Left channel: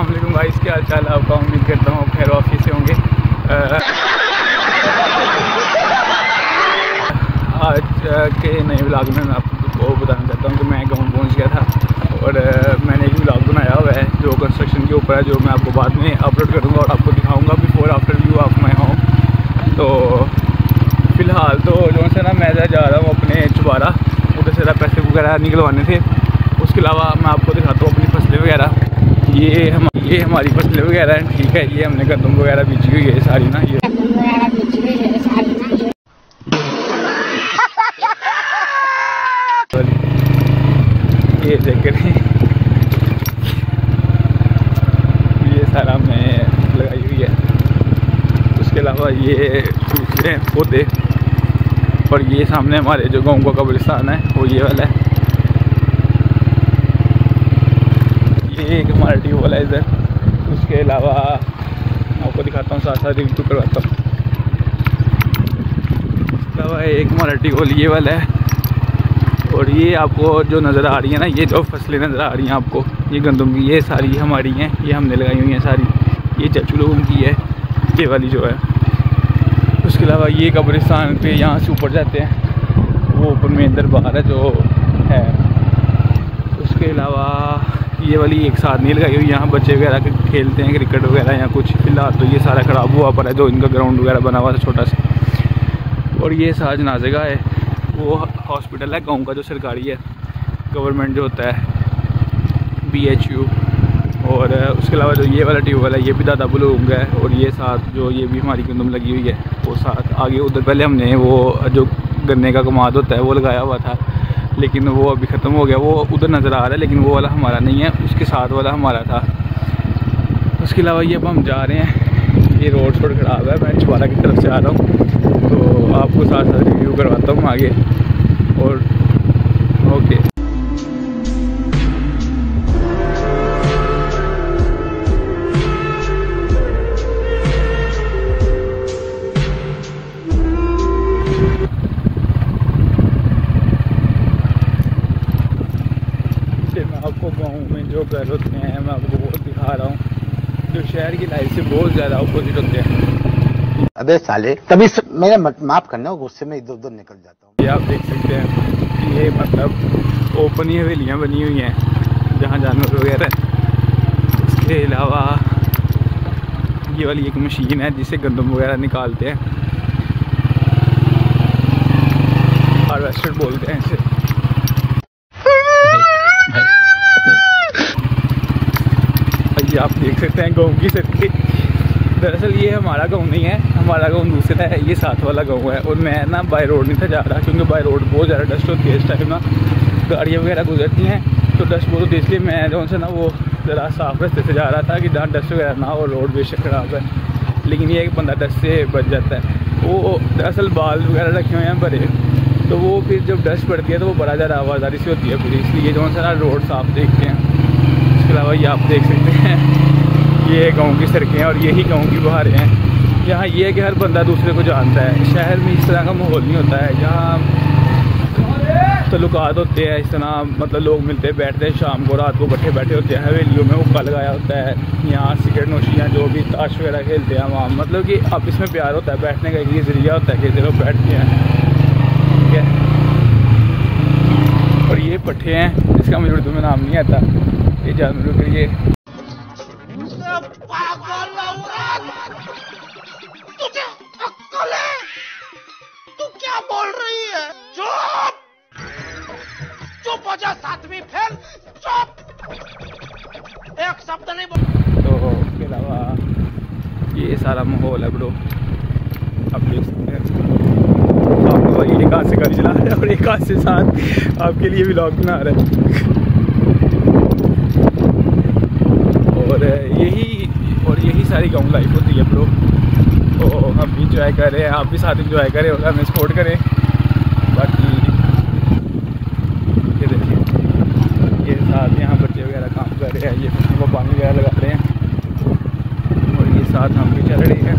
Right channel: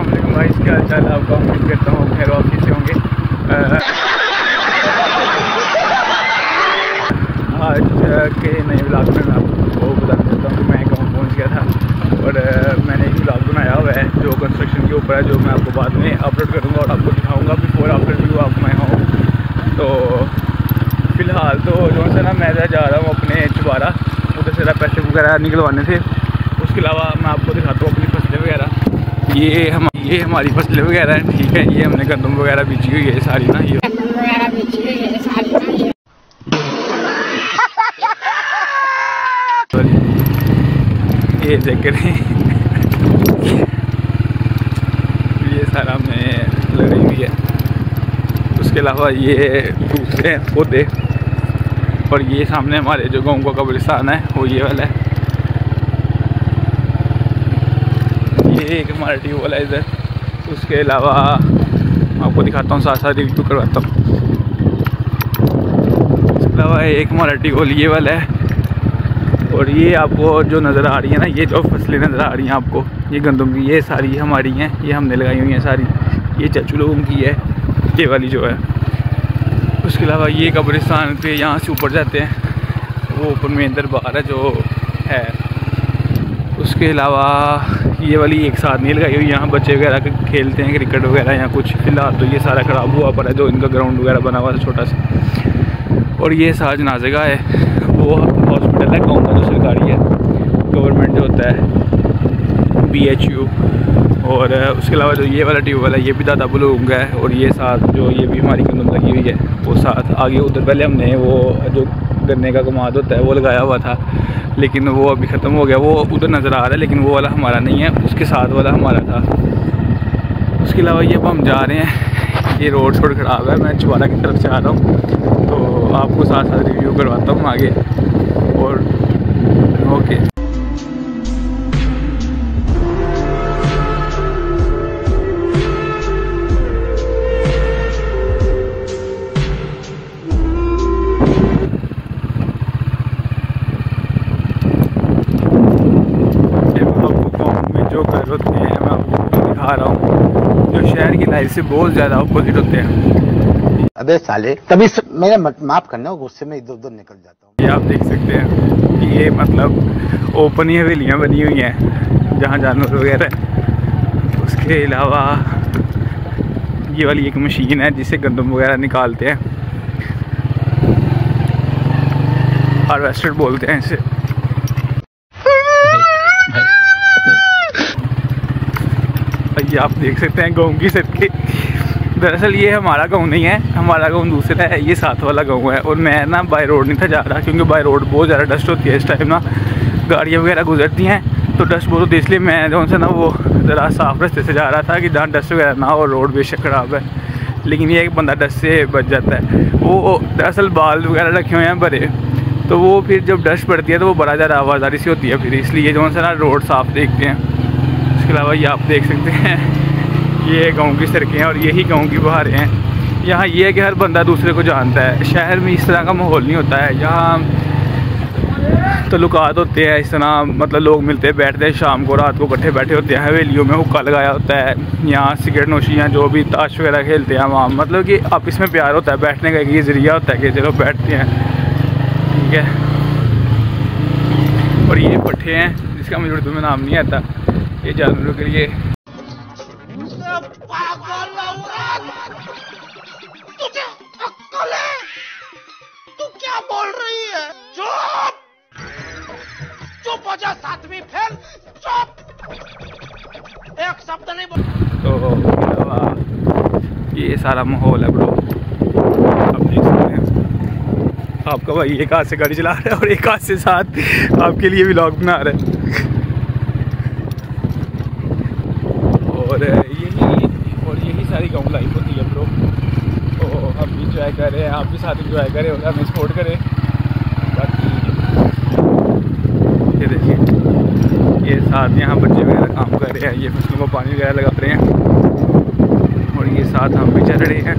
अस्सलाम वालेकुम भाई, क्या हाल चाल है आपका? उम्मीद करता हूँ खैर ऑफिस से होंगे। आज के नए व्लॉग में मैं आपको बताना चाहता हूँ कि मैं गाँव पहुँच गया था और मैंने एक व्लॉग बनाया हुआ है जो कंस्ट्रक्शन के ऊपर है, जो मैं आपको बाद में अपलोड करूँगा और आपको दिखाऊँगा before after view of my home. तो फ़िलहाल तो जो से ना मैं जा रहा हूँ अपने चबारा, उधर से पैसे वगैरह निकलवाने थे। उसके अलावा मैं आपको दिखाता हूँ अपनी फसलें वगैरह। ये हमारी फसलें वगैरह हैं, ठीक है। ये हमने गंदम वगैरह बीजी हुई है सारी ना, ये चेक करें। ये सारा में लगाई हुई है। उसके अलावा ये दूसरे पौधे और ये सामने हमारे जो गाँव का कब्रिस्तान है वो ये वाला है। ये एक हमारा ट्यूबवेल है इधर। उसके अलावा आपको दिखाता हूँ, साथ साथ रिव्यू करवाता हूँ। इसके अलावा एक हमारा ट्यूबवेल ये वाला है और ये आपको जो नज़र आ रही है ना, ये जो फसलें नज़र आ रही हैं आपको, ये गंदम की, ये सारी हमारी हैं, ये हमने लगाई हुई हैं सारी। ये चाचू लोगों की है, ये वाली जो है। उसके अलावा ये कब्रिस्तान पे यहाँ से ऊपर जाते हैं, वो ऊपर में दरबार है जो है। उसके अलावा ये वाली एक साथ नहीं लगाई हुई, यहाँ बच्चे वगैरह खेलते हैं क्रिकेट वगैरह या कुछ। फिलहाल तो ये सारा ख़राब हुआ पर है जो इनका ग्राउंड वगैरह बना हुआ था छोटा सा। और ये सारा जनाज़ेगा है, वो हॉस्पिटल है गाँव का जो सरकारी है, गवर्नमेंट जो होता है, BHU। और उसके अलावा जो ये वाला ट्यूबवेल है ये भी दादा बुलूंग है। और ये साथ जो ये भी हमारी गंदम लगी हुई है वो साथ आगे उधर पहले हमने वो जो गन्ने का कमाद होता है वो लगाया हुआ था, लेकिन वो अभी ख़त्म हो गया। वो उधर नज़र आ रहा है लेकिन वो वाला हमारा नहीं है, उसके साथ वाला हमारा था। उसके अलावा ये अब हम जा रहे हैं, ये रोड थोड़ा ख़राब है, मैं चबारा की तरफ से आ रहा हूँ तो आपको साथ साथ रिव्यू करवाता हूँ आगे। और ओके, जो घर होते हैं मैं आपको दिखा रहा हूँ, जो शहर की लाइफ से बहुत ज़्यादा अपोजिट होते हैं। अबे साले, तभी मेरा माफ़ करना, गुस्से में इधर उधर निकल जाता हूँ। ये आप देख सकते हैं, ये मतलब ओपन ही हवेलियाँ बनी हुई हैं जहाँ जानवर वगैरह। उसके अलावा ये वाली एक मशीन है जिससे गंदम वगैरह निकालते हैं, हार्वेस्टर बोलते हैं इसे। ये आप देख सकते हैं गाँव की सड़कें। दरअसल ये हमारा गाँव नहीं है, हमारा गाँव दूसरा है, ये साथ वाला गाँव है। और मैं ना बाय रोड नहीं था जा रहा क्योंकि बाय रोड बहुत ज़्यादा डस्ट होती है इस टाइम ना, गाड़ियाँ वगैरह गुजरती हैं तो डस्ट बहुत होती है। इसलिए मैं जो से ना वो ज़रा साफ रास्ते से जा रहा था कि जहाँ डस्ट वगैरह ना हो। रोड बेशक ख़राब है लेकिन ये एक बंदा डस्ट से बच जाता है। वो दरअसल बाल वगैरह रखे हुए हैं भरे, तो वो फिर जब डस्ट पड़ती है तो वो बड़ा ज़्यादा आवाज़ारी सी होती है फिर, इसलिए जो से ना रोड साफ़ देखते हैं। इसके अलावा ये आप देख सकते हैं, ये गांव की सड़कें हैं और यही गांव की बहारें हैं। यहाँ ये है कि हर बंदा दूसरे को जानता है। शहर में इस तरह का माहौल नहीं होता है, यहाँ तल्लुकात होते हैं इस तरह, मतलब लोग मिलते हैं, बैठते हैं, शाम को रात को इकट्ठे बैठे होते हैं, हवेलियों में हुक्का लगाया होता है, यहाँ सिगरेट नोशियाँ जो भी ताश वगैरह खेलते हैं वहाँ, मतलब कि अब इसमें प्यार होता है, बैठने का एक ज़रिया होता है कि चलो बैठते हैं, ठीक है। और ये पट्ठे हैं जिसका मुझे उर्दू में नाम नहीं आता, ये जानवरों के लिए। तुझे अक्ल है? तू क्या बोल रही है? चुप चुप हो जा, सातवीं फेल, चुप, एक शब्द नहीं बोल। तो ये सारा माहौल है ब्रो, आप देख सकते हैं। आपका भाई एक हाथ से गाड़ी चला रहा है और एक हाथ से साथ आपके लिए व्लॉग बना रहा है। और यही सारी गाँव लाइफ होती है ब्रो। तो हम भी इंजॉय करें, आप भी साथ इंजॉय करें और हमें सपोर्ट करें। बाकी ये देखिए, ये साथ यहाँ बच्चे वगैरह काम कर रहे हैं, ये फसलों को पानी वगैरह लगा रहे हैं और ये साथ हम भी चल रहे हैं।